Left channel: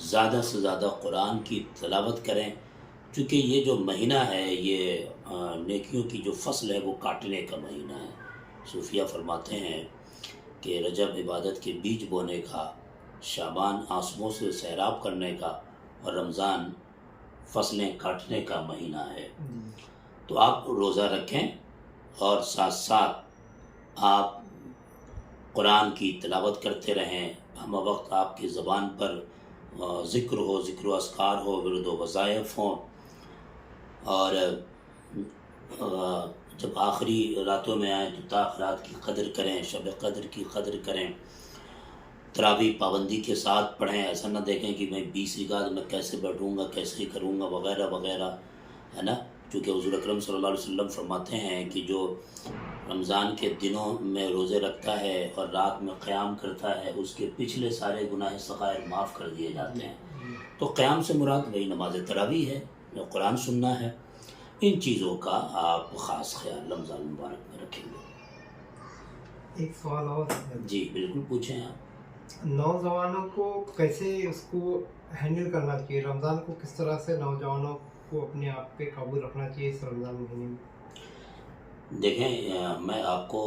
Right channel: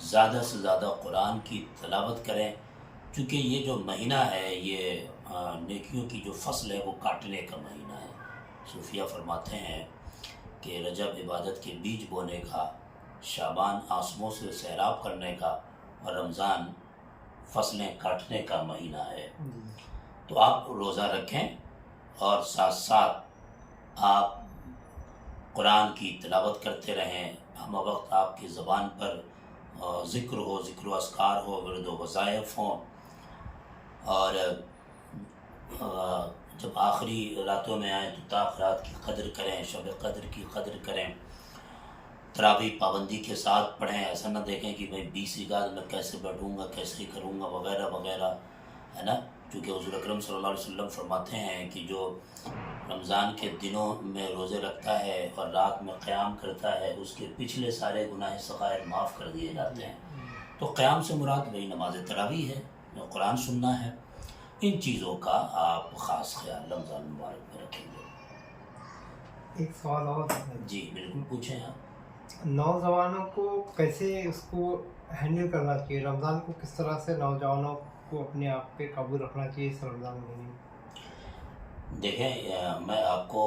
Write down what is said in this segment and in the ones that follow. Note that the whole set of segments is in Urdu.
زیادہ سے زیادہ قرآن کی تلاوت کریں، چونکہ یہ جو مہینہ ہے یہ نیکیوں کی جو فصل ہے وہ کاٹنے کا مہینہ ہے۔ صوفیہ فرماتے ہیں کہ رجب عبادت کے بیج بونے کا، شعبان آنسوؤں سے سیراب کرنے کا، اور رمضان فصلیں کاٹنے کا مہینہ ہے۔ تو آپ روزہ رکھیں اور ساتھ ساتھ آپ قرآن کی تلاوت کرتے رہیں، ہم وقت آپ کی زبان پر ذکر ہو، ذکر و اذکار ہو، ورد و وظائف ہوں، اور جب آخری راتوں میں آئیں تو تاخیرات کی قدر کریں، شب قدر کی قدر کریں، تراویح پابندی کے ساتھ پڑھیں، ایسا نہ دیکھیں کہ میں 20 رکعت میں کیسے بیٹھوں گا، کیسے کروں گا، وغیرہ وغیرہ، ہے نا۔ کیونکہ حضور اکرم صلی اللہ علیہ وسلم فرماتے ہیں کہ جو رمضان کے دنوں میں روزے رکھتا ہے اور رات میں قیام کرتا ہے، اس کے پچھلے سارے گناہ صغائر معاف کر دیے جاتے ہیں۔ تو قیام سے مراد وہی نماز تراویح ہے، جو قرآن سننا ہے۔ ان چیزوں کا آپ خاص خیال رمضان مبارک میں رکھیں گے۔ ایک سوال اور، جی بالکل پوچھیں آپ۔ نوجوانوں کو کیسے اس کو ہینڈل کرنا چاہیے؟ رمضان کو کس طرح سے نوجوانوں کو اپنے آپ پہ قابو رکھنا چاہیے اس رمضان مہینے میں؟ دیکھیں، میں آپ کو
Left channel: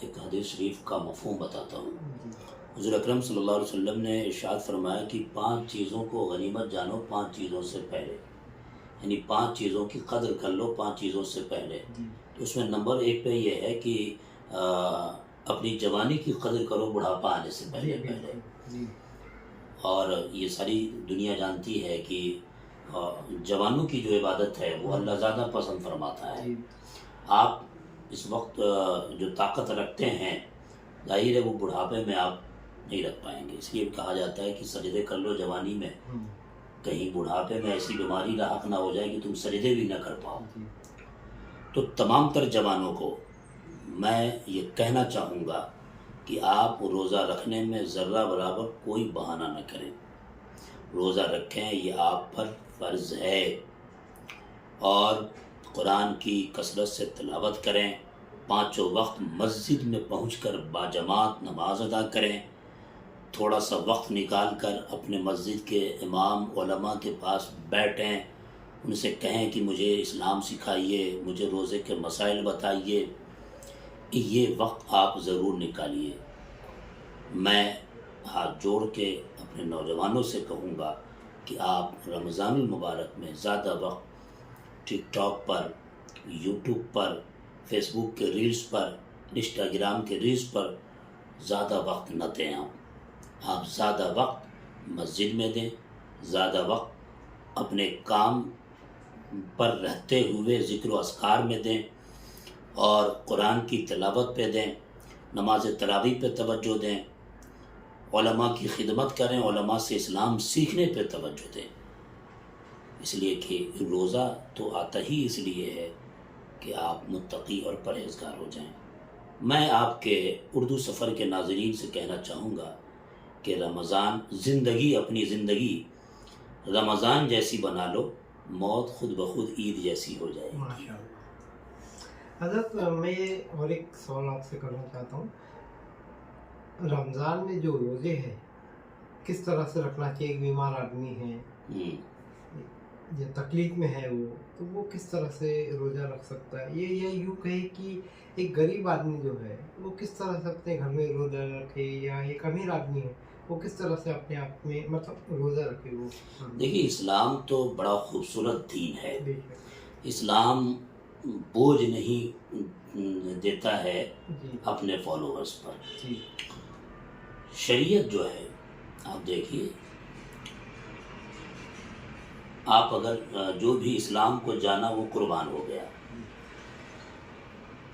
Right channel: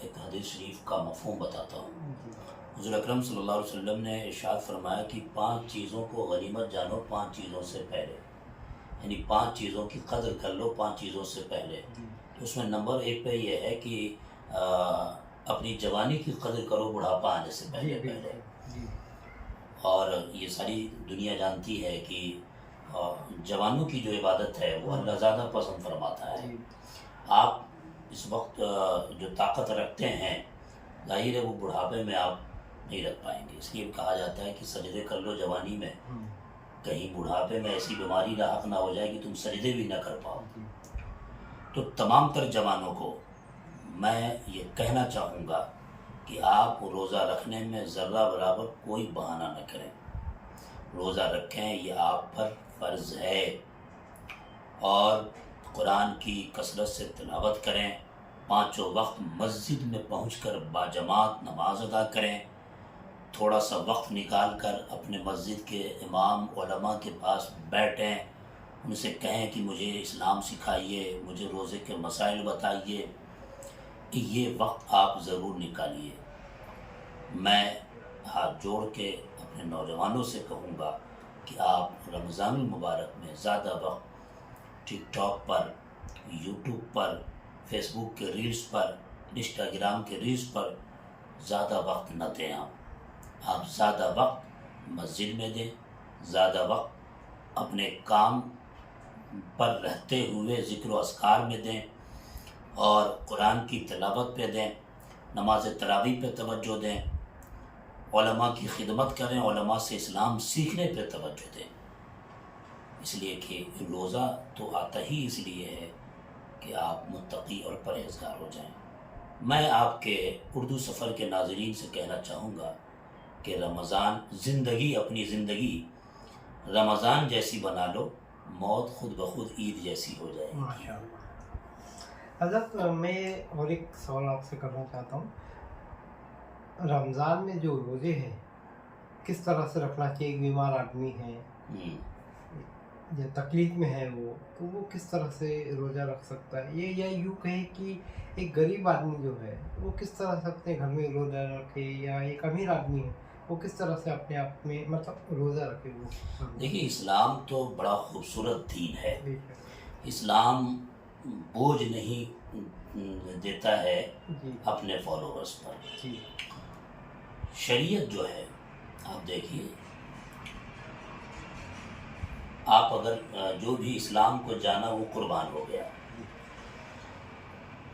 ایک حدیث شریف کا مفہوم بتاتا ہوں۔ حضور اکرم صلی اللہ علیہ وسلم نے ارشاد فرمایا کہ 5 چیزوں کو غنیمت جانو 5 چیزوں سے پہلے، یعنی 5 چیزوں کی قدر کر لو 5 چیزوں سے پہلے۔ تو اس میں نمبر 1 پہ یہ ہے کہ اپنی جوانی کی قدر کرو بڑھاپا آنے سے پہلے۔ اور یہ ساری دنیا جانتی ہے کہ جوانوں کی جو عبادت ہے وہ اللہ زیادہ پسند فرماتا ہے۔ آپ اس وقت جو طاقت رکھتے ہیں، ظاہر ہے وہ بڑھاپے میں آپ نہیں رکھ پائیں گے، اس لیے کہا جاتا ہے کہ سجدے کر لو جوانی میں، کہیں بڑھاپے میں ایسی بیماری لاحق نہ ہو جائے کہ تم سجدے بھی نہ کر پاؤ۔ تو تمام تر جوانوں کو میں یہ کہنا چاہوں گا کہ آپ روزہ رکھنے میں ذرہ برابر کوئی بہانہ نہ کریں، روزہ رکھیں، یہ آپ پر فرض ہے، اور قرآن کی کثرت سے تلاوت کریں، 5 وقت مسجد میں پہنچ کر باجماعت نماز ادا کریں، تھوڑا سا وقت نکال کر اپنے مسجد کے امام علماء کے پاس بیٹھیں، ان سے کہیں کہ مجھے اسلام سکھائیے، مجھے روزے کے مسائل بتائیے، یہ وقت آپ ضرور نکالیے۔ میں ہاتھ جوڑ کے اپنے نوجوانوں سے کہوں گا کہ آپ رمضان المبارک میں زیادہ وقت ٹک ٹاک پر، یوٹیوب پر، فیس بک کے ریلز پر، انسٹاگرام کے ریلز پر زیادہ وقت نہ دیں۔ آپ زیادہ وقت مسجد میں دیں، زیادہ وقت اپنے کام پر رہتے ہوئے ذکر و اذکار میں دیں، اور قرآن کی تلاوت پہ دیں، نماز تراویح پہ توجہ دیں، علماء کی خدمت کریں، علماء سے اسلام سیکھنے پہ توجہ دیں، اس لیے کہ روزہ تو آتا ہی اس لیے ہے کہ آپ متقی اور پرہیزگار ہو جائیں۔ میں آپ کے اردو سفر کے ناظرین سے کہنا چاہوں گا کہ رمضان زندگی، اپنی زندگی رمضان جیسی بنا لو، موت خود بخود عید جیسی ہو جائے گی۔ ماشاء اللہ۔ حضرت میں اور ایک سوال آپ سے کرنا چاہتا ہوں، رمضان میں جو روزے ہیں کس طرح سے رکھنا چاہیے؟ ایک بیمار آدمی ہے، جو تکلیف میں ہے، وہ کس طرح سے روزہ رکھ سکتا ہے؟ یہ یوں کہے کہ ایک غریب آدمی جو ہے وہ کس طرح سے اپنے گھر میں روزہ رکھے، یا ایک امیر آدمی ہے وہ کس طرح سے اپنے آپ میں مطلب روزہ رکھے؟ وہ دیکھیے، اسلام تو بڑا خوبصورت دین ہے۔ اسلام بوجھ نہیں دیتا ہے اپنے فالوورز پر۔ شریعت جو ہے، آپ دیکھیے، آپ اگر جو بھی اسلام کو جانا وہ قربان ہو گیا۔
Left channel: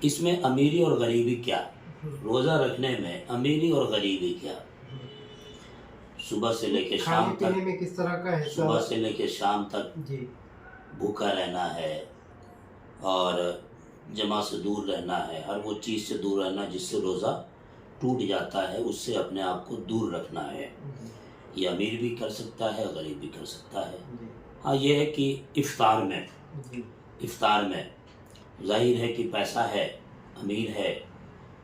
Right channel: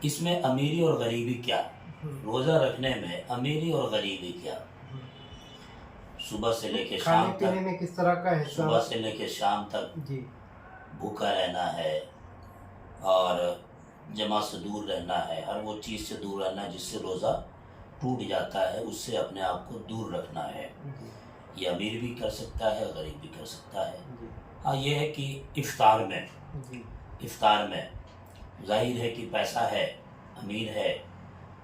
اس میں امیری اور غریبی کیا؟ روزہ رکھنے میں امیری اور غریبی کیا؟ صبح سے لے کے شام تک، میں کس طرح کا ہے؟ صبح سے لے کے شام تک بھوکا رہنا ہے، اور جمع سے دور رہنا ہے، ہر وہ چیز سے دور رہنا جس سے روزہ ٹوٹ جاتا ہے، اس سے اپنے آپ کو دور رکھنا ہے۔ یہ امیر بھی کر سکتا ہے، غریب بھی کر سکتا ہے۔ ہاں، یہ ہے کہ افطار میں ظاہر ہے کہ پیسہ ہے، امیر ہے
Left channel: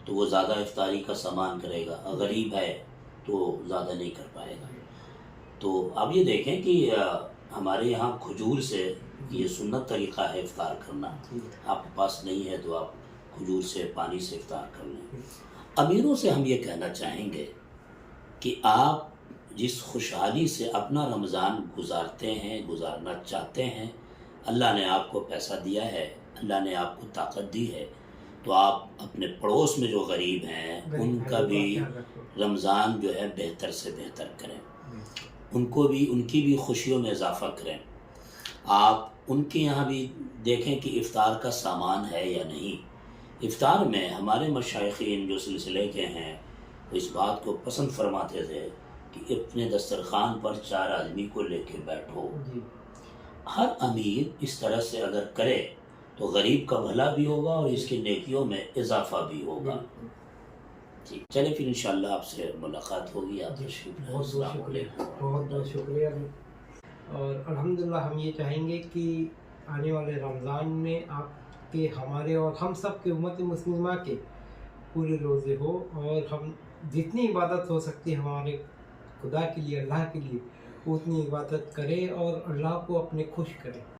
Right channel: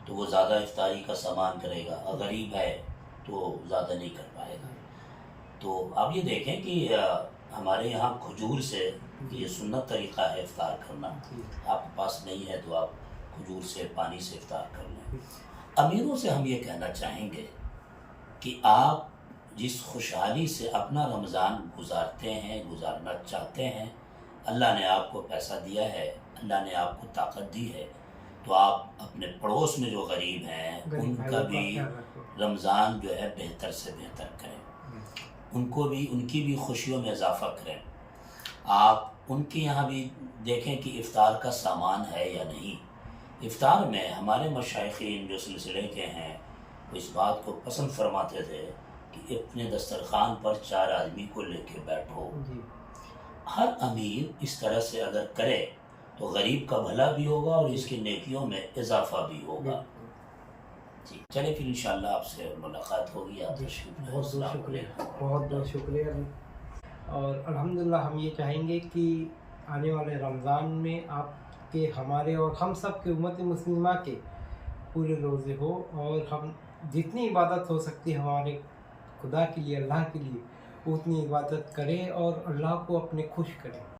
تو وہ زیادہ افطاری کا سامان کرے گا، غریب ہے تو زیادہ نہیں کر پائے گا۔ تو اب یہ دیکھیں کہ ہمارے یہاں کھجور سے یہ سنت طریقہ ہے افطار کرنا. آپ کے پاس نہیں ہے تو آپ کھجور سے پانی سے افطار کر لیں. امیروں سے ہم یہ کہنا چاہیں گے کہ آپ جس خوشحالی سے اپنا رمضان گزارتے ہیں گزارنا چاہتے ہیں، اللہ نے آپ کو پیسہ دیا ہے، اللہ نے آپ کو طاقت دی ہے، تو آپ اپنے پڑوس میں جو غریب ہیں ان کا بھی رمضان جو ہے بہتر سے بہتر کریں، ان کی بھی خوشیوں میں اضافہ کریں. آپ ان کے یہاں بھی دیکھیں کہ افطار کا سامان ہے یا نہیں. افطار میں ہمارے مشائخین جو سلسلے کے ہیں وہ اس بات کو پسند فرماتے تھے کہ اپنے دسترخوان پر 4 آدمی کو لے کے بیٹھو. ہر امیر اس طرح سے اگر کرے تو غریب کا بھلا بھی ہوگا اور اس کی نیکیوں میں اضافہ بھی ہوگا. جی چلے پھر انشاءاللہ آپ سے ملاقات ہوگی. آپ بہت بہت شکریہ، بہت بہت شکریہ. اور الحمدللہ ہم یہ چاہیں گے کہ آنے والے رمضان میں آپ کے، ہمارے اور ہم سب کے امت مسلمہ کے پورے روزے ہو، اور ہم جتنی عبادت ہو سکتی ہمارے خدا کے لیے، اللہ کے لیے، اتنی عبادت کریں اور اللہ کو اپنے خوش کریں.